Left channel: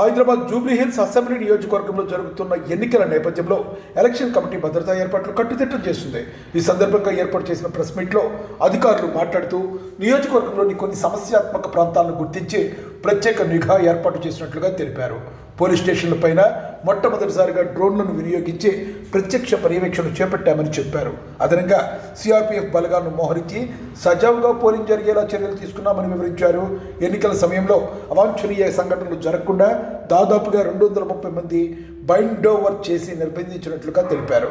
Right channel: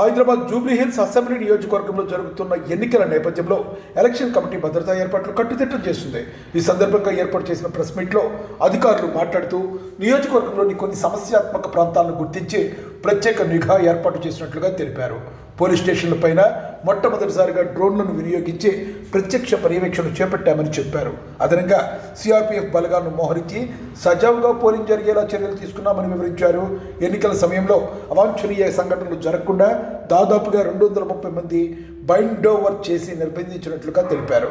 Hyderabad Jubilee Hills assembly నియోజకవర్గంలో జరుగుతున్న ఎన్నికల నేపథ్యంలో ఎలక్షన్ కమిటీ భద్రతా ఏర్పాట్లు కట్టుదిట్టం చేస్తుంది. ఈ సందర్భంగా ఏర్పాటు చేసిన ప్రెస్ మీట్లో అధికారులు మాట్లాడుతూ నియోజకవర్గంలోని కొన్ని సమస్యాత్మక ప్రాంతాలను గుర్తించి ప్రత్యేక నిఘా ఏర్పాటు చేసినట్లుగా తెలిపారు. పోలీస్ స్టేషన్లపైన మొట్టమొదటిసారిగా డ్రోన్లను వినియోగించి ప్రత్యక్ష పర్యవేక్షణ చేపట్టామని చెప్పారు. అదనంగా సిఆర్పీఎఫ్ బలగాలను మోహరించి సజావుగా పోలింగ్ జరిగేలా చర్యలు తీసుకున్నామని వివరించారు. ఎన్నికల సమయంలో అవాంఛనీయ సంఘటనలు జరగకుండా దాదాపుగా రెండు వందల ముప్పై మంది బైండ్ ఓవర్ చేసి నిర్బంధించినట్లుగా తెలిపారు.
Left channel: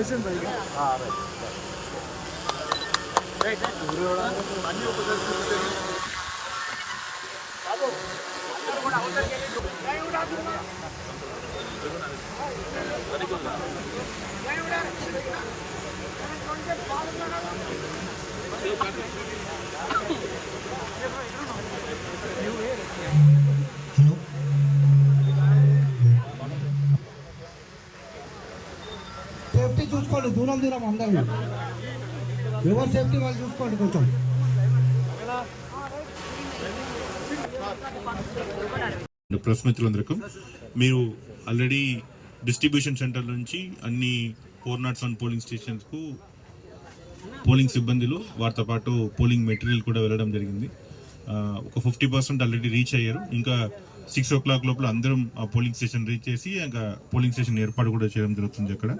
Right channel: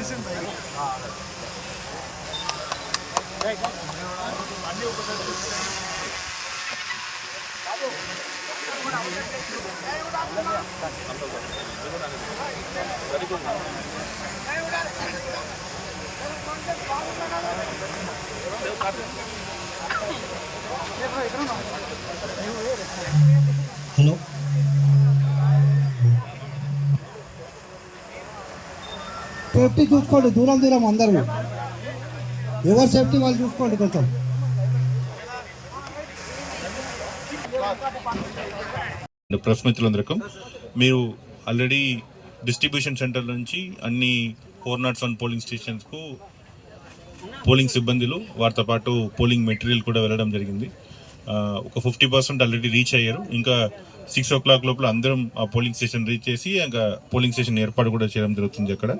보신다 이거. 아. 네, 많이 오고 나도 Hello. సేఫ్టీ చూసుకోండి దూరం దూరం అందరూ. ఎవరు సేఫ్టీ వాళ్ళు చూసుకోండి కొంచెం. ప్రెస్ మిత్రులందరికీ మీరు ఆల్రెడీ డిస్ట్రిబ్యూషన్ సెంటర్ నుంచి అన్ని ఫోర్ నాట్ వన్ పోలింగ్ స్టేషన్స్కు పోలింగ్ సిబ్బందులు వారితో పాటు పోలింగ్ మెటీరియల్ కూడా వెళ్ళడం జరిగింది. ఒక ఫిఫ్టీ పర్సెంట్ ఆల్రెడీ రీచ్ అయ్యారు. ఇంకా సిక్స్ ఓ క్లాక్ లోపల అందరం ఆ పోలింగ్ స్టేషన్ రీచ్ చేసి ఇంకా పోలింగ్ స్టేషన్ ఏర్పాటు కూడా చేయడం జరుగుతుంది అక్కడ.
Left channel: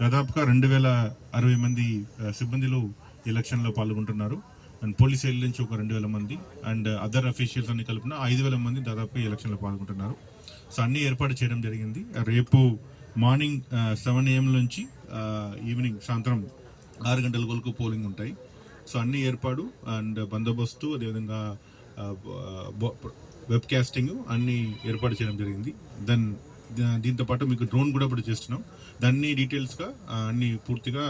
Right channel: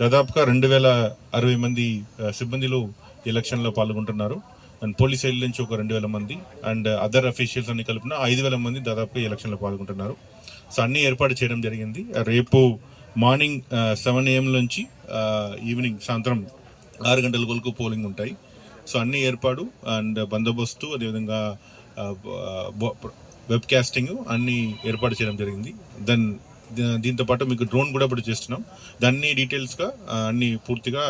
దాదాపుగా రెండు వేల అరవై మంది సిబ్బందిలు ఎలక్షన్లో పాల్గొంటున్నారు. అండ్ పోలీస్ సైడ్ నుంచి ఒక రెండు వేల మంది అండ్ అదర్ అఫీషియల్స్ అన్ని కలిపిన ఐదు వేల మంది దాదాపుగా ఎలక్షన్లో పాల్గొంటున్నారు. సో అన్నీ ఏర్పాటు చేయడం జరిగింది. రేపు మార్నింగ్ సెవెన్ ఏఎం నుంచి ఈవినింగ్ సాయంత్రం ఆరు గంటల వరకు పోలింగ్ ఉంటాయి. సో అన్ని ఏర్పాటు అండ్ బందోబస్తు అదేవిధంగా వెబ్ కాస్టింగ్ అన్ని ఏర్పాటు చేయడం జరిగింది. దెన్ దీంతో పాటు మీకు డ్రోన్ కూడా ఇప్పుడు చేస్తున్నాం. దాన్ని డీటెయిల్స్గా అన్ని పూర్తిగా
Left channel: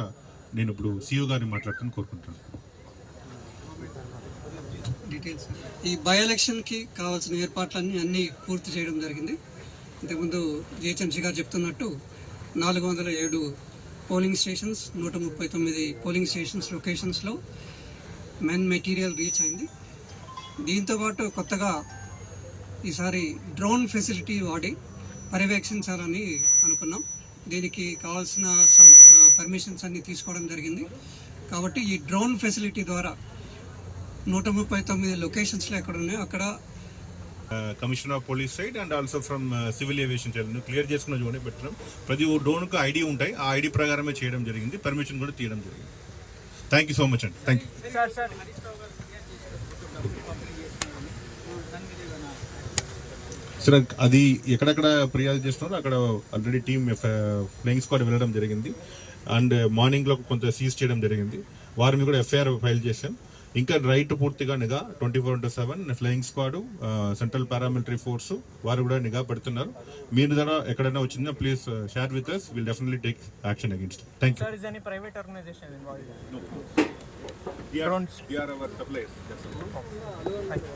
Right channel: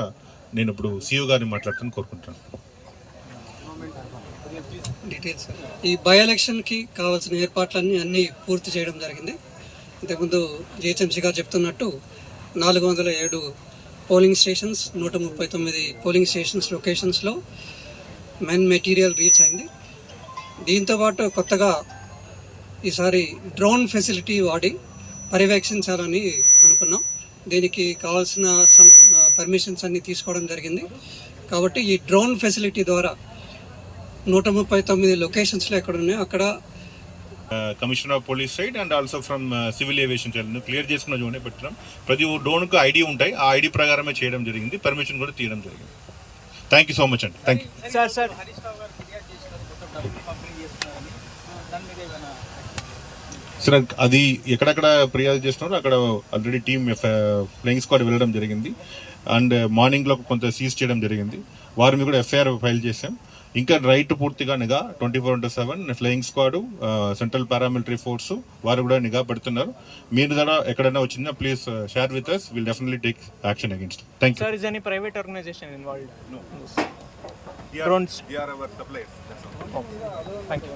నేను ఇప్పుడు సీఓ గారిని మాట్లాడుతాను కోరుకుంటాను డీటెయిల్స్ ఈ బై ఎలక్షన్కి కావాల్సిన ఏర్పాట్లన్నీ అన్నీ పూర్తి చేయడం జరిగింది. ఇంతకుముందు జిహెచ్ఎంసీ గారు చెప్తున్నట్టు నాలుగు వందల ఏడు పోలింగ్ స్టేషన్స్ నూట ముప్పై తొమ్మిది పోలింగ్ స్టేషన్స్ లొకేషన్స్లో మెన్ మెటీరియల్ రీచ్ అయింది. దీంతోపాటు కొత్తగా ఈసారి డ్రోన్ ఫెసిలిటీ వాడి పర్యవేక్షించాలని అనుకున్నాం. దీనికి కావాల్సిన పర్మిషన్స్ అన్ని తీసుకోవడం జరిగింది. కాబట్టి ఈ డ్రోన్ ఫెసిలిటీ ద్వారా నూట ముప్పై తొమ్మిది లొకేషన్స్లో ఎక్కడ ఉన్నాయో అక్కడ commissioner of police side and also from civil aviation side clear చేసుకున్న జోనే పెట్టడం ప్రతి డ్రోన్కు ఐడి ఉంటాయి. ఆ ఐడి ప్రకారమే చేయడం జరిగింది. పర్మిషన్ కూడా తీయడం జరిగింది. థ్యాంక్ యూ సో మచ్ అండి. థ్యాంక్ యూ సార్ అది ఎక్కడెక్కడ ఫిర్యాదు చేస్తున్నారో అక్కడ ఆల్రెడీ టీమ్ ఫ్లయింగ్ స్క్వాడ్ వెళ్ళడం జరిగింది. అండ్ మార్నింగ్లో కొంత సీజ్ చేయడం జరిగింది. వారి మీద కూడా ఎఫ్ఐఆర్ ఫైల్ చేశాం. ఇంకా రైట్ పూర్తిగా నిఘా twenty four into seven flying squad central paramilitary force వారు కూడా నిఘా పెడుతున్నారు. మీరు కూడా ఎక్కడైనా వచ్చినా please share with us will definitely take action against thank you. That's all. Thank you.